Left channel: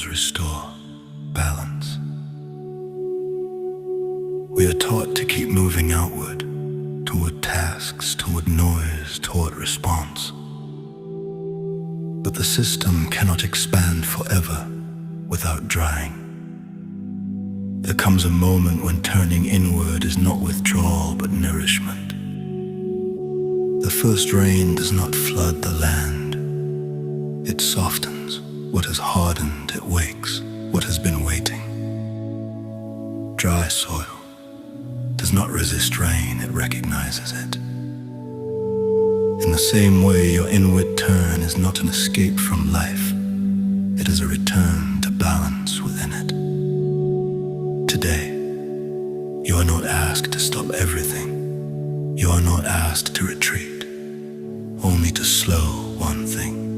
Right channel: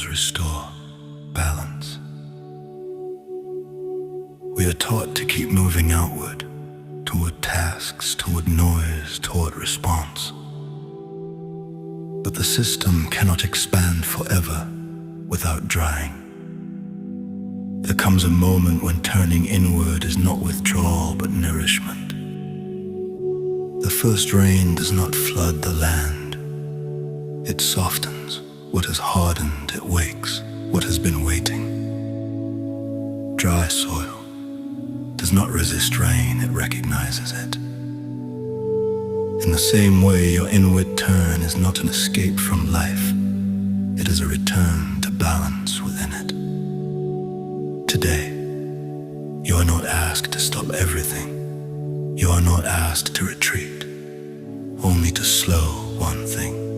actions restore balance. We are taught to keep moving outward, toward tasks, toward noise, toward response. But the system cannot expand forever without drying. There comes a moment when turning inward is not withdrawal but nourishment. The first rain does not flood the land. It softens what has hardened, it wakes what has been waiting. Dry soil does not resist rain, it recognizes it. In the same way, your inward turn is not an escape from life. It is a return to balance within it. Today, you are not asked to stop everything. You are not asked to retreat, only to slow one thing.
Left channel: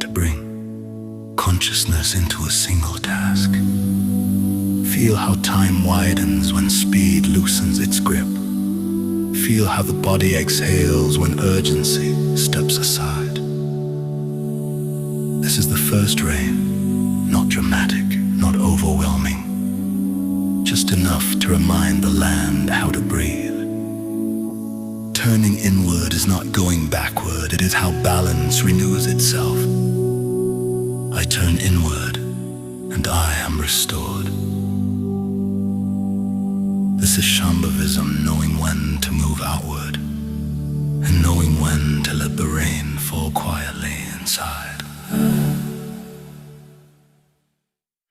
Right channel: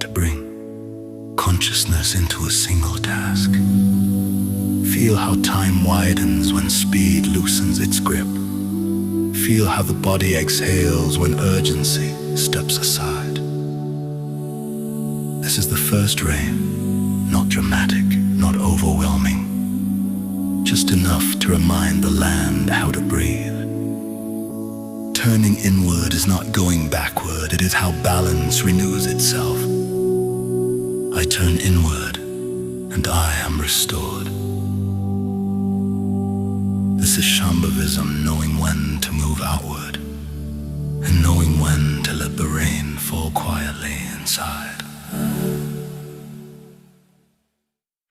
To bring consciousness into a single task. Feel how time widens when speed loosens its grip. Feel how the body exhales when urgency steps aside. This is the first rain, not dramatic, not overwhelming. Just enough to remind the land how to breathe. Turning inward is not going backward, it is how balance renews itself. I turn inward, and I am restored. This is Shambavism, knowing when to move outward, and knowing when to let the rain fall quietly inside.